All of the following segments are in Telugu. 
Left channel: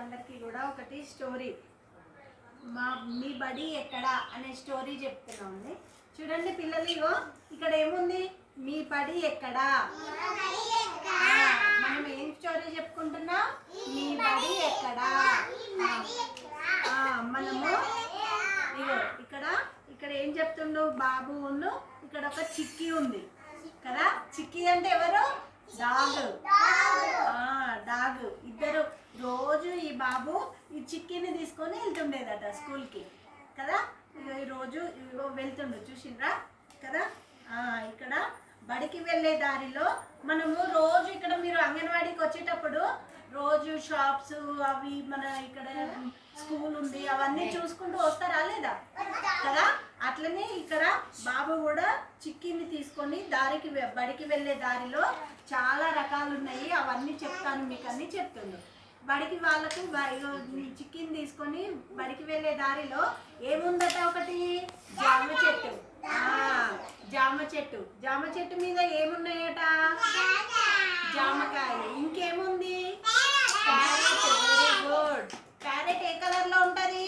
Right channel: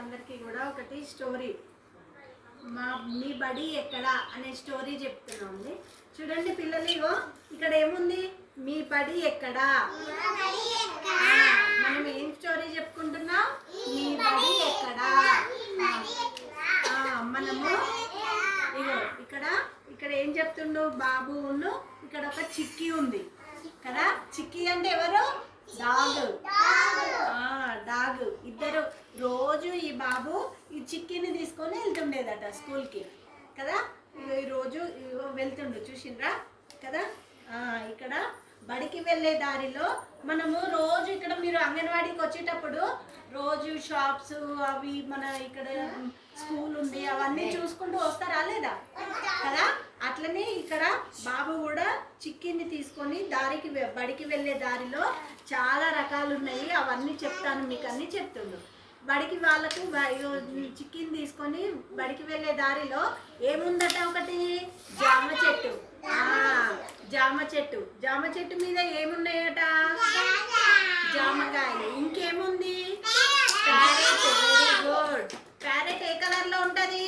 పిల్లలందరికీ కూడా ఒకటి స్టోరీ మీ బడి ఎక్కడ అనే స్టోరీ చెప్తున్నామండి. చూడండి పిల్లలు, ఇక్కడ ఏముంది? మీ బడి ఎక్కడ. మనం ఏం స్టోరీ చెప్పుకుంటున్నాం? మీ బడి ఎక్కడ. మనము ఇక్కడ ఇక్కడ ఏం చెప్తుండు బాబు? ఇక్కడ ఒక చిక్కి ఉంది కదా. చిక్కి అంటే ఎవరు? డాగ్. ఇద్దరు రోజు ఈ బాబు ఈ చిక్కిని తీసుకొని వెళ్తుండేదట స్కూల్కి కదా. ఈరోజు వెళ్తుండు, చూసిండ్రా కదా. ఇక్కడ బడికి వెళ్ళే దారిలో మనము రోజు ఇక్కడ మీరు అంగన్వాడీకి వచ్చేటప్పుడు రోజు షాప్స్ అవి మన ఇక్కడ స్కూల్ ఉంది అవన్నీ చూసుకుంటూ వస్తారా లేదా కదా. అట్లనే ఇక్కడ బాబు కూడా చిక్కిని తీసుకొని బడికి వెళ్ళే దారిలో చాలా రకాలు ఉన్నాయి, అవన్నీ చెప్తాను మీకు అన్నీ చెప్తుండు. బడికి వాళ్ళకు చిక్కిని తీసుకొని బడికి వెళ్ళే దారిలో ఏముందట? ఒకటి జామ చెట్టు మీద ఏమున్నాయట? జామకాయలు. ఇంకేముంది? ప్యారెట్. Very good. ప్యారెట్ ఏ కలర్ లో ఉంటది?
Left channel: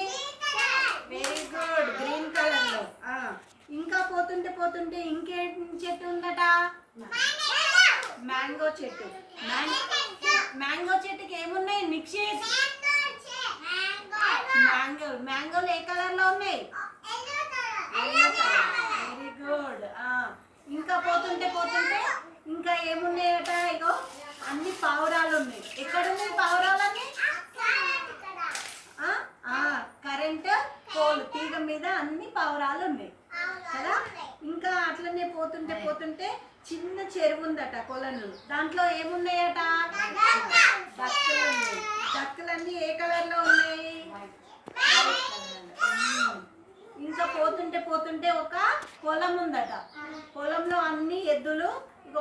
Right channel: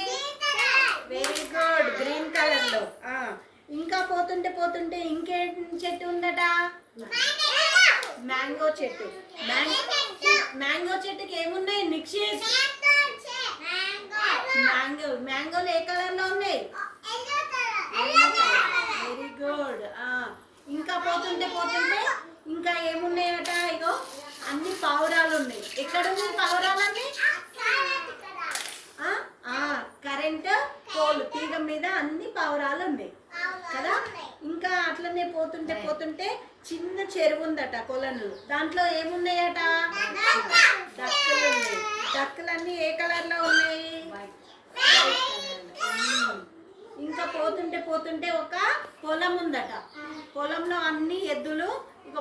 వెరీ గుడ్, గ్రీన్ కలర్ లో. ఇంకా పోతుంటే ఇంకేం చెట్టు ఉందట? మ్యాంగో చెట్టు. మ్యాంగో చెట్టుకి ఏమున్నాయి? నిక్షేప్. మ్యాంగోలు ఏ కలర్ లో ఉన్నాయి? Very good. ఇంకా పోతుంటే ఇంకా ఏమున్నాయట? ఇగో అన్ని పావురాలు ఉన్నాయి. ఎక్కడున్నాయి పావురాలన్నీ? కరెంటు పోలు తీగ మీద అన్ని పావురాలు ఉన్నాయి కదా. ఇంకా అట్లనే పోతుంటే చిన్న చెరువు ఉందట, కొలను. దాంట్లో ఏమున్నాయట? డక్కులు ఉన్నాయి. డక్కులన్నీ ఏ కలర్ లో ఉన్నాయి? ఇంకా పోతుంటే ఒక పొలం ఉందట. పొలంలో అన్ని ఎద్దులు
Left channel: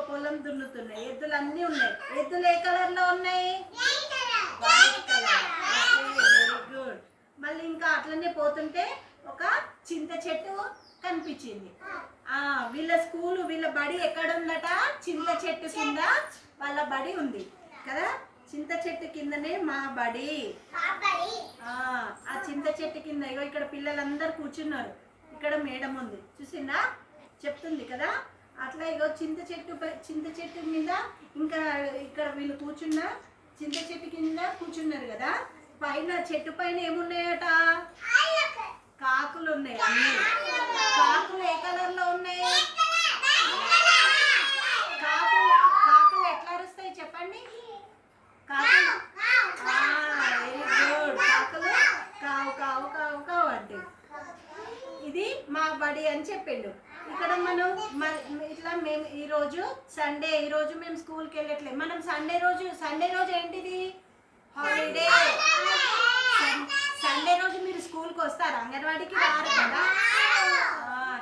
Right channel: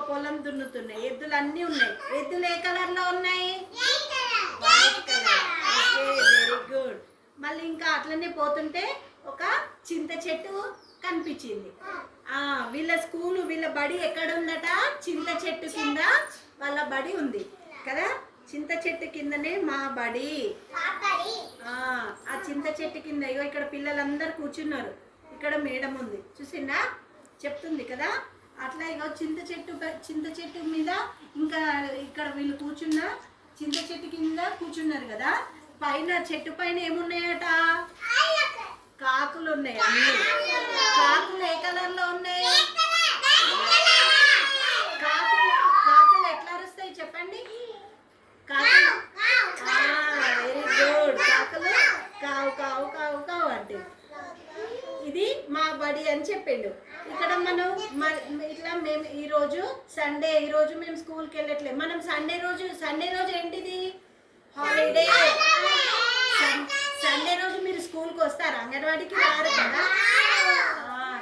పొలం దున్నుతున్నాయి. ఎద్దులు అన్నీ ఉన్నాయి. ఎద్దులు ఏ కలర్ లో ఉన్నాయి? White colour. Very good. మళ్ళీ ఇంకా అట్లనే పోతుంటే ఒక చింత చెట్టు కనిపించింది. వీళ్ళ బడి ఎక్కడ ఉందట? చింత చెట్టు కింద వాళ్ళ బడి ఉంది కదా. చింత చెట్టు కిందనే మా బడి. ఆ చింత చెట్టు కింద ఇక్కడ పిల్లలందరూ కూర్చున్నారు. ఇక్కడ మేడం ఉంది, చూసిందా? చెప్తుంది కదా. అట్లా చింత చెట్టు మీద ఇంకా ఇక్కడ వీళ్ళు చింత చెట్టు కింద కూర్చున్నారు కదా. పైన చెట్టు పైన ఏమున్నాయట? కాకులు ఉన్నాయి. అన్ని కాకులు ఏ కలర్ లో ఉన్నాయి? కాకులు ఎట్లా అరుస్తాయి చెప్పండి? Very good. కాకులు కావు కావు కావు కావు అంటే ఇది మా బడి అని చెప్పిండు. ఇక్కడ మనం మేము ఈరోజు సండే, ఈరోజు మేము స్కూల్కి వెళ్ళట్లేదు. మనం సండే రోజు ఏంటిది? హాలిడే. సండే రోజు మీరు స్కూల్కి వస్తారా? అంగన్వాడీకి రారు కదా.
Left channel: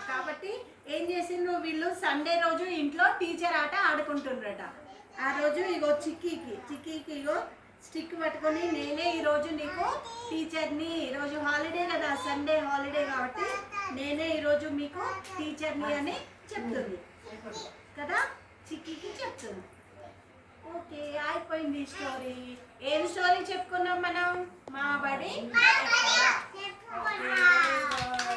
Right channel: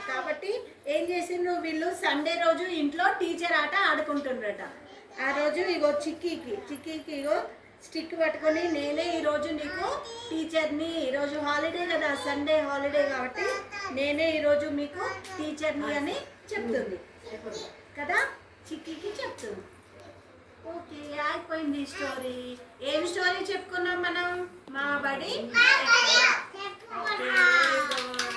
కాబట్టి ఏం చేసిండ్రు వీళ్ళు? సండే రోజు ఇంట్లో టీచర్ ఆట ఆడుకుంటుండ్రట. ఆ రోజు చిక్కీకి స్టిక్ పట్టుకొని, నేనే ఈరోజు నీకు టీచర్ని, ఈరోజు హాలిడే కదా, సండే హాలిడే కాబట్టి నేనే ఈరోజు మీకు టీచర్ని అని చెప్తుంది కదా. చిక్కీకి చెప్తుంది. ఓకే, అయిపోయింది స్టోరీ. ఏం స్టోరీ చెప్పుకున్నాం మనం? మా బడి. Okay, very good.